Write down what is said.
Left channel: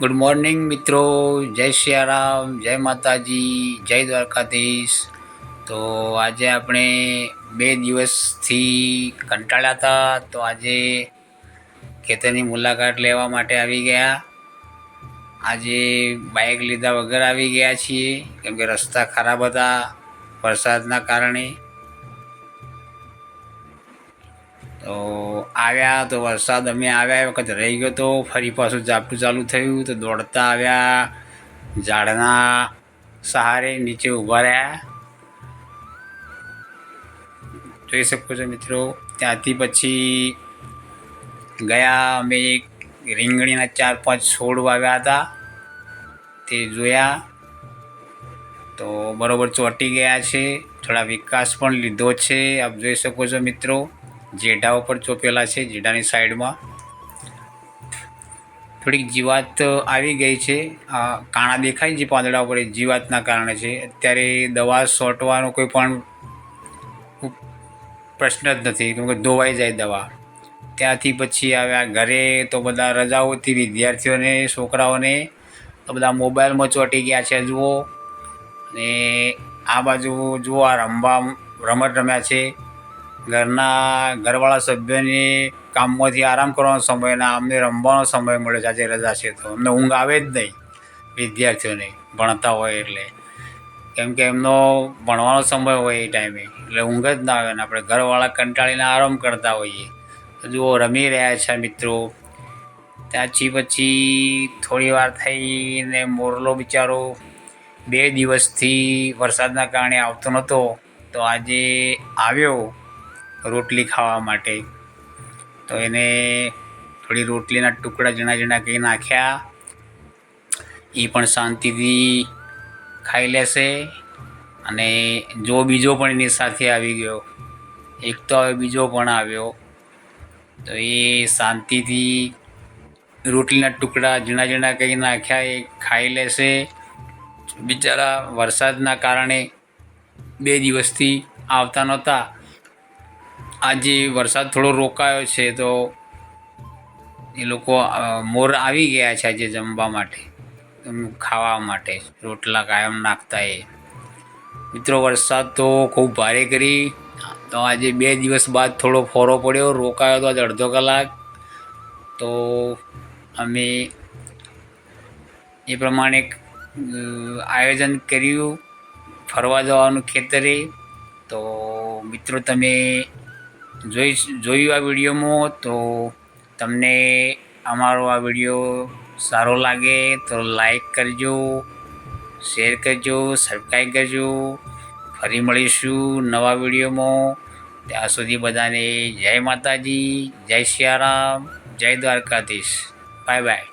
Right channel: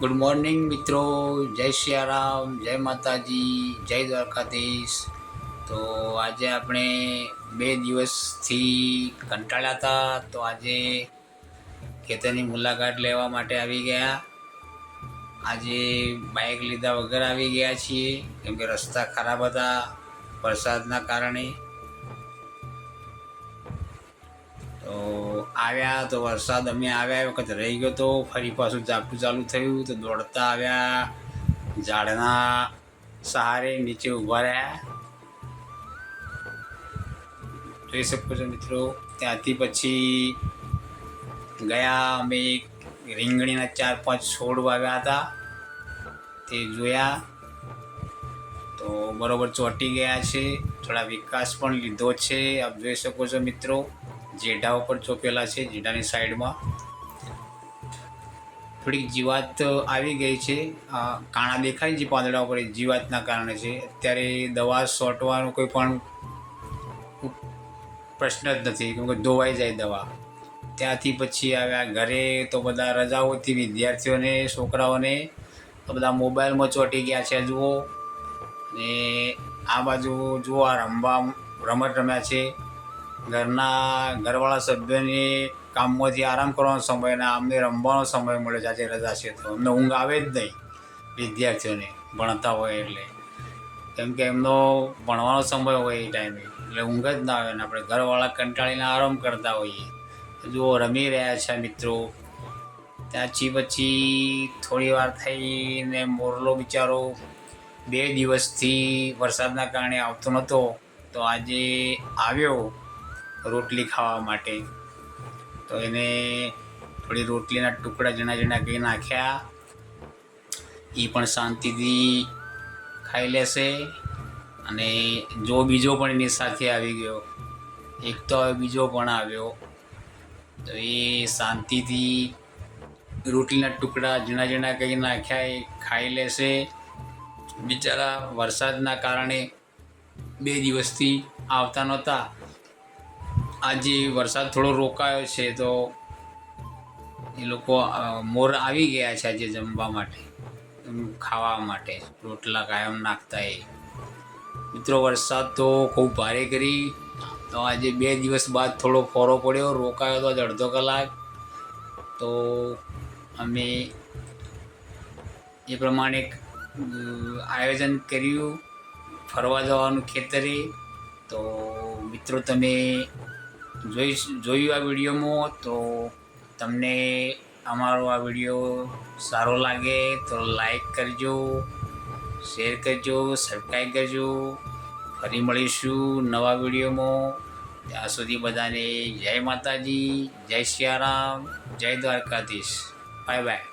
Good morning મિત્રો, જય સિયારામ, જય માતાજી, જય દ્વારકાધીશ. તો આજે આપણે 2 દિવસથી કંટાળ્યા હતા, તો આજે ખેતરની મુલાકાત લેવા માટે આવી ગયા. આજે બાઇક લીધા વગર આવી ગયા છીએ, કેમ કે રસ્તા ખરાબ હતા વરસાદના કારણે. તો આવ્યા તો વરસાદ અમે આવ્યા એ વખત રહી ગયો, તો ફરી પાછું ઝાપટું ચાલુ થયું તો દોડતા આવ્યા, ઝાડના સહારે નીચે ઊભા રહ્યા. જોઈ શકો છો મિત્રો. ત્યાંથી પછી ગયા અમે રીંગણીના 4-5 છોડ વાવ્યા હતા, તે જોયા તો બરાબર ચોંટી ગયા છે. થોડા વિકાસ પણ લીધો છે, આપ જોઈ શકો છો મિત્રો. જેઢા ઉપર ચોપેલા છે, જેઢાની સાઈડમાં થોડીક જીવાત આવી ગઈ છે. કાણા દેખાય છે પાંદડા ઉપર, જીવાતના કારણે છે. અત્યારે દવા છોંટવાનો કોઈ પણ પ્રશ્ન જ નથી, કેમ કે ધોવાઈ જાય દવા. ત્યાંથી પછી આવ્યા ઘરે, તો બધા રજાઓથી વિદ્યાર્થીઓને, છોકરાઓને તો બધા મોબાઈલમાં ચોંટી ગયા છે જુઓ. ને આ બાજુ જુઓ, આ રમત રમ્યા છે. ઘરવાળા સભ્યોને કામમાંથી આરામ કરવાનો સમય ના, અમને રમવાનો સમય મળે છે. આજે રજા છે તો અમને ઊંઘ આવે જ નહીં, વિદ્યાર્થીઓને ભણતા હોય એટલે, કેમ કે એમનો ભણવાનો સમય હોય એ ટાઈમે, એટલે ઊંઘ જ ના આવે ને આપણે ઘરવાળા કંટાળીને આરામ કરતા હોઈએ. જુઓ રમી રહ્યા છે મિત્રો. ત્યાંથી પછી થોડી વાર થઈને મોરલો બિચારો 2 દિવસથી વરસાદના કારણે આવતો નહોતો, તો આજે આવ્યો રોટલી ખાવા માટે. તો એને થોડી રોટલીના ટુકડા ઝીણા ઝીણા કંઈ નાખ્યા, એ પણ શાંતિથી ખાઈ લેશે. અને જો બીજો પણ એની સાથે આવી ગયો, એક તો હવે બીજો પણ આવ્યો, તો એ શાંતિથી રોટલીના ટુકડા ઝીણા ઝીણા કંઈ નાખ્યા એ ખાઈ લેશે. બિચારા વરસાદના કારણે 2 દિવસથી આવતા નહોતા. આજે વરસાદ થોડો રોકાયો છે, તો એ લોકો મોર આવી ગયા છે આજે જમવા માટે, ખાવા માટે રોટલા કાયમ નાખતા. એ મિત્રો વરસાદ તો ખૂબ ભારે કરી. તો આજે 2 દિવસ બાદ થોડો ફોરો પડ્યો, રોકાયો તો આજે અડધો કલાક. તો અમે એ પ્રમાણે આયોજન કર્યું ફરવા જવાનું ખેતરે. તો મિત્રો તમે જોયું આ વિડીયોમાં, તો તમને અમારો આ વિડીયો સારો લાગે તો લાઈક કરજો, શેર કરજો, સબસ્ક્રાઈબ કરજો. ફરી મળીશું નવા વિડીયોમાં. ત્યાં સુધી બધાને જય માતાજી, જય સિયારામ, જય દ્વારકાધીશ. Bye bye.